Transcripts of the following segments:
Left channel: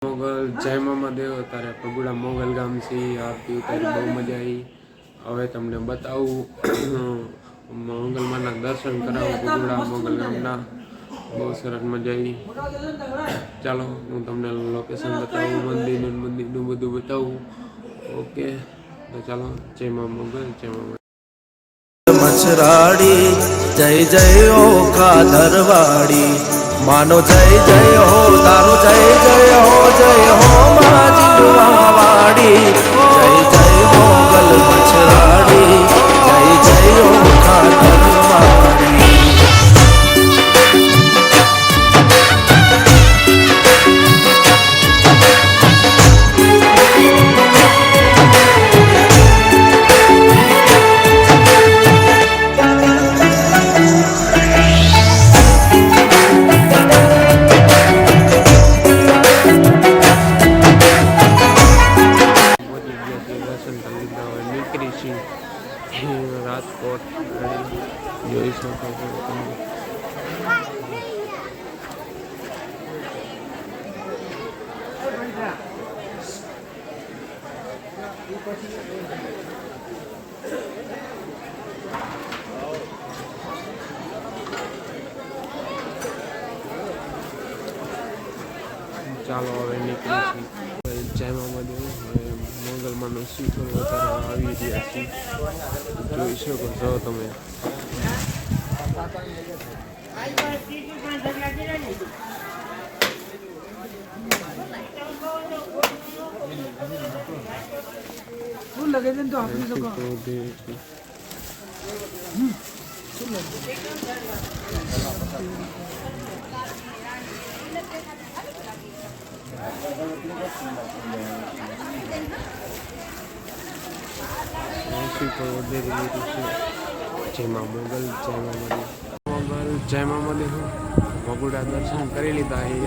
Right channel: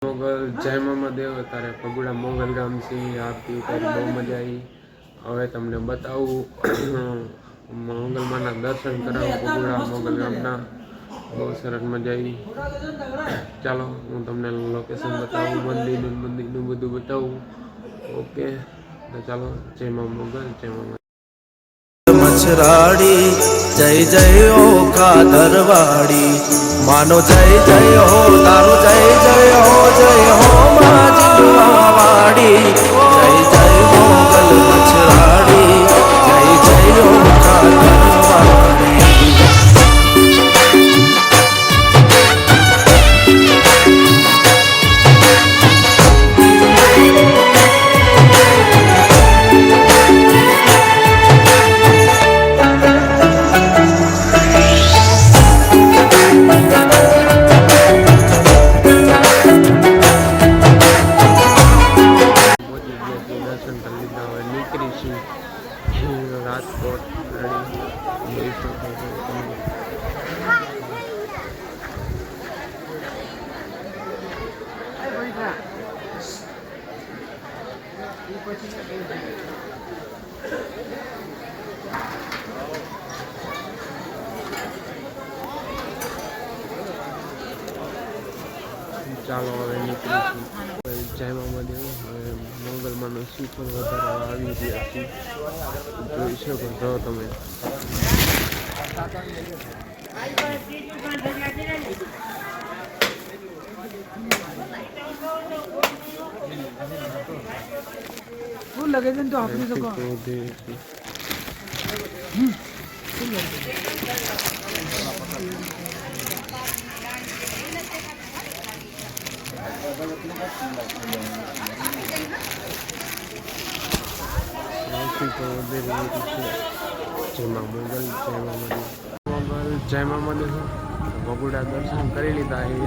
મોગલ જય મામાદેવ તારે પગુડા મોગલ ગામ થી આરતી ઉતારી બહુ મજા આવી। હવે તમને બતાવું મોગલમાના દર્શન કરાવું પગુડા મોગલ ગામના બહુ સરસ મજા આવી। ચાલો હું તમને લોકેશન બતાવું મંદિરનું બધું બતાવું। ઓકે તો ચાલો જય મા મોગલ જય મામા मछराड़ी जय जय हो खादरवाड़ी मानो जय जय हो तारो जय जय हो माँ जिंदवाड़ी जय जय मोगल मछराड़ी जय जय हो खादरवाड़ी। दर्शन कर लीधा हुए निकली सी राजकोट जोई सको ચાલો હવે નીકળી જય મામાદેવ હવે મોગલમાનો સુપર વધારવા આવી રહ્યા છીએ જોઈ શકો છો તમે। जय माँ मोगल जय मामादेव मोगल जय मामादेव बगुड़ा दर्शन કરી લીધા છે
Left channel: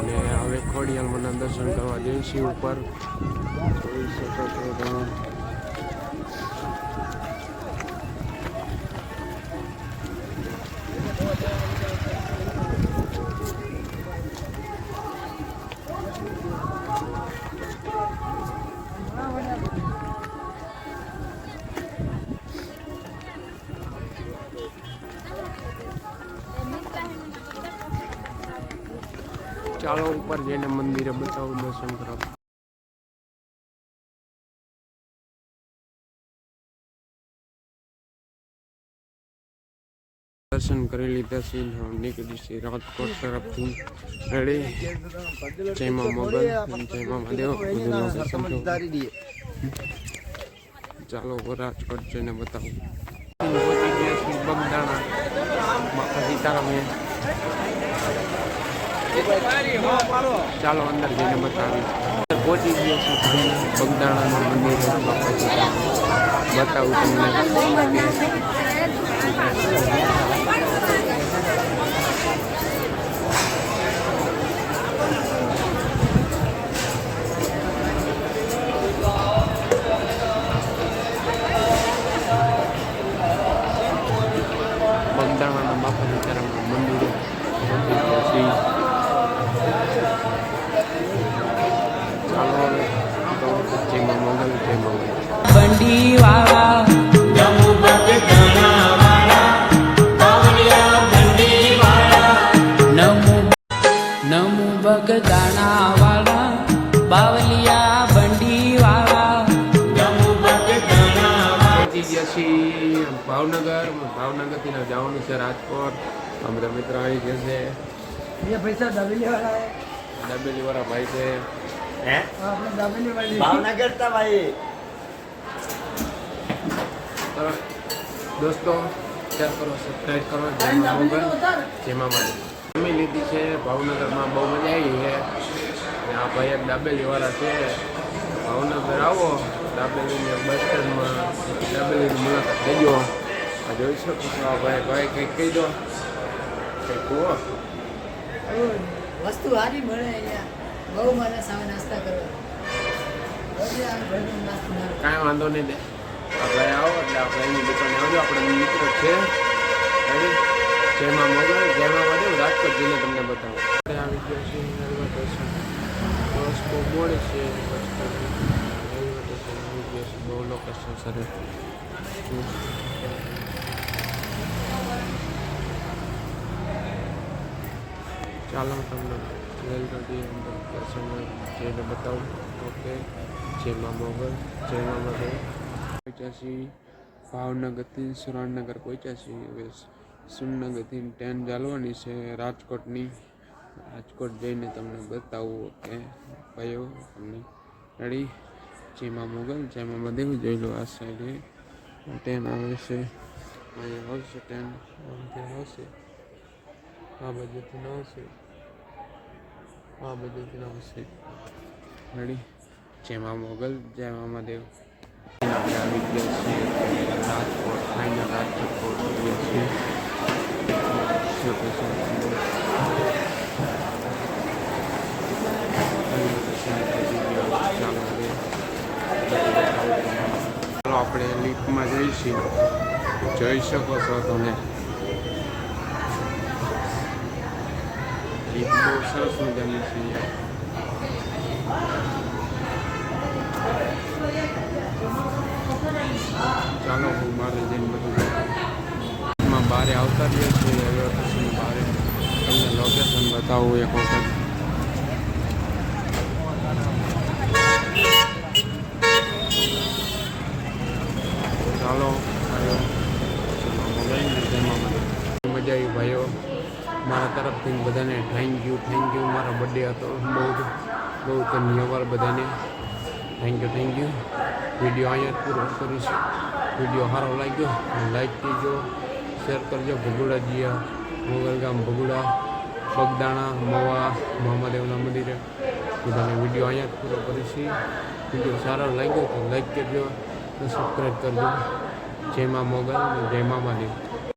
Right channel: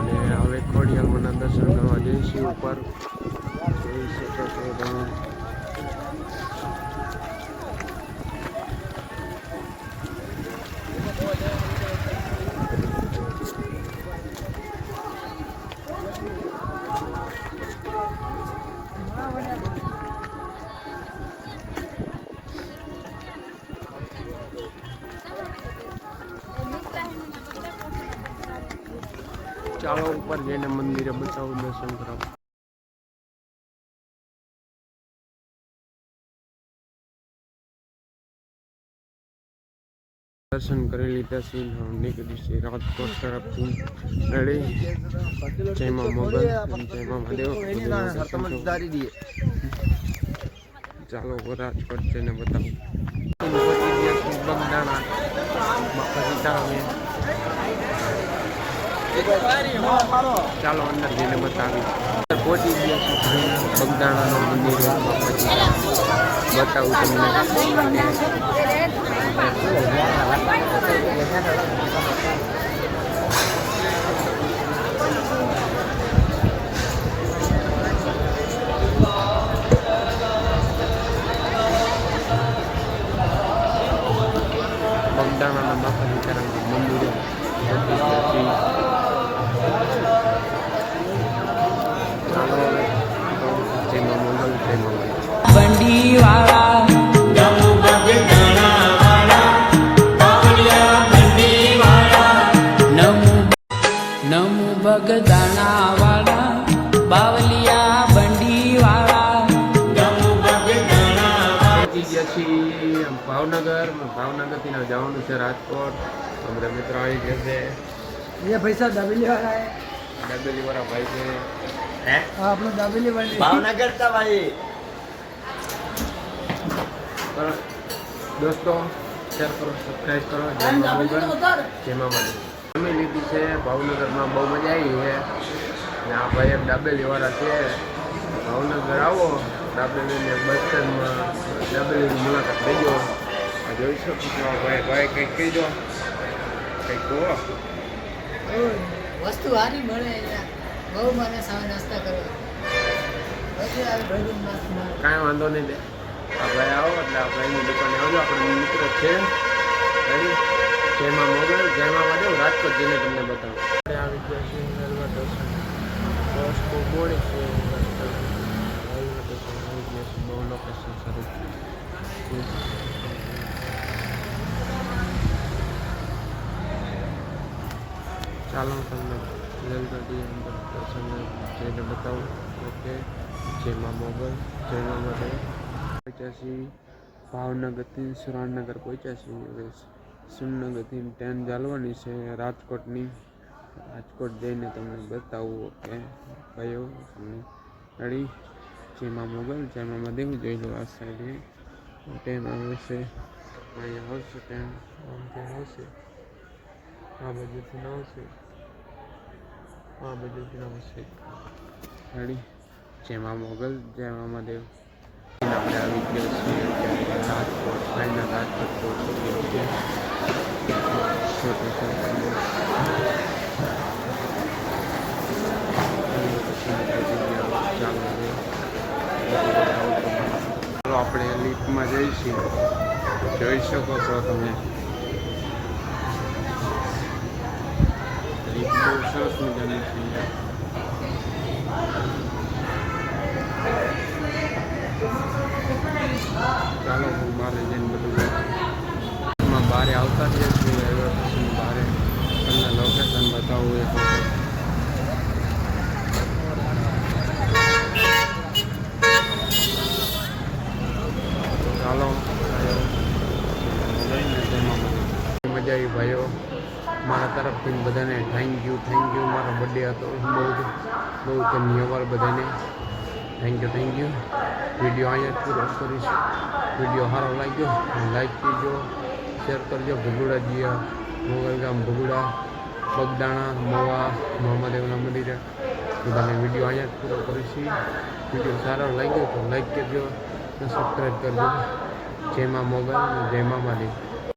અને હવે ખોડિયાલમાંના દર્શન કરવા જઈશું ઉપર। ચાલો ઉપર જઈને મંદિરે બતાવું દર્શન કરાવું। દર્શન કરી લીધા છે નીકળી છે રાજકોટ તરફથી રેડી। જય મા મોગલ જય મા મહાદેવ દર્શન ચાલો રાજકોટ જઈને બતાવું। પહોંચી ગયા છે બગદાણા બાપા સીતારામ। ચાલો અંદર જઈને બતાવી પહોંચી ગયા છું બગદાણાના મંદિરે બાપા સીતારામ બતાવું તમને। બગદાણાના બાપા સીતારામના મંદિરે પહોંચી ગયા છીએ। ચાલો હવે જય મા મોગલ જય મા બંડી વાળા નમો બગદાણા વાળા બાવલિયા બંડી વાળા નમો બગદાણા વાળા બાવલિયા બંડી વાળા નમો બગદાણા પહોંચી ગયા છીએ ભાવનગરથી જવાનું છે રાજકોટ। અમારા મિત્રો આવી ગયા છે ये पैसा दाबेली वाला है દાબેલી વાળા ભાઈ છે अपना दाबेली वाले भावनगर था भाई કરો દોસ્તો શેર કરો સબસ્ક્રાઈબ કરો જય મા મોગલ જય મા મહાદેવ જમી લીધી છે ભાવનગરમાં બહુ મજા આવી છે અને આ ભાઈ એક દાબેલી વાળા છે ભાવનગર આવો દાબેલીને બસ સ્ટેન્ડમાં દાબેલીની મુલાકાત લેજો। આ જોઈ શકો છો આ ભાઈ કંઈક કહી દો કંઈક કહો। वस्तु हारी મળે અહીંયા બહુ મને સાવ નાસ્તા કરવા કાંઈ વાંધો નહીં દે આ ભાઈ આવો એટલે આ ભાઈની દુકાને આવજો આપણે મિત્ર છે રેડી। જય મા મોગલ જય મા મહાદેવ રાજકોટ જઈને તમને બતાવું આવી ગયા છીએ દર્શન બહુ મોડી છે બસ રેલવે સ્ટેશન આવી ગયા છે બહુ લોકેશન શરૂ ચાલો હું તમને રેલગાડી અંદર દર્શન જઈને બતાવું ઓકે જય મા મોગલ જય મા મહાદેવ પહોંચ્યા છીએ ભાવનગરથી સુરેન્દ્રનગર પહોંચ્યા છીએ હવે સુરેન્દ્રનગરથી ટ્રેન ચાલવાની છે રાજકોટની રાજકોટ જઈને તમને બતાવું ઓકે ભાઈઓ તમને રેડી જય મા મોગલ જય મા મહાદેવ જોઈ લો આ સાઈડે ટ્રેન આવે છે અહીંયા આવશે ટ્રેન આમથી આવશે આ બાજુથી ના આવશે આ બાજુથી ના આવશે રેડી જય મા મોગલ જય મા મહાદેવ આપણે આવી ગયા છીએ અત્યારે રાજકોટ ફાઇનલ રાજકોટ પહોંચી છીએ ચાલો હવે આપણે લિફ્ટમાં જઈશું જોઈ શકો છો તમે લિફ્ટ બહુ સરસ મજાની છે ચાલો હું બહાર જઈને બધું એમાં બહાર આવતા જ છીએ રેલવે સ્ટેશન બહાર તમને લોકેશન બતાવું એક વખત ચાલો ભાઈઓ મોબાઈલને તેમાં મજા આવી ભાઈઓ મારા તરફથી બધાને થેન્ક યુ મારો બર્થડે હતો બહુ ધન્યવાદ બધાને થેન્ક યુ વિડીયો અહીંયા જ પૂરો કરીશ વિડીયો સારો લાગ્યો લાઈક કરજો શેર કરજો ભગુડા જીયા મોગલગામ ભગુડા બગદાણા મવા મહાદેવના મંદિરે બધાને વિડીયો અહીંયા જ પૂરો કરીશ વિડીયો સારો લાગ્યો તો લાઈક કરજો અને સબસ્ક્રાઈબ કરજો જય મા મોગલ અને જય મા મહાદેવ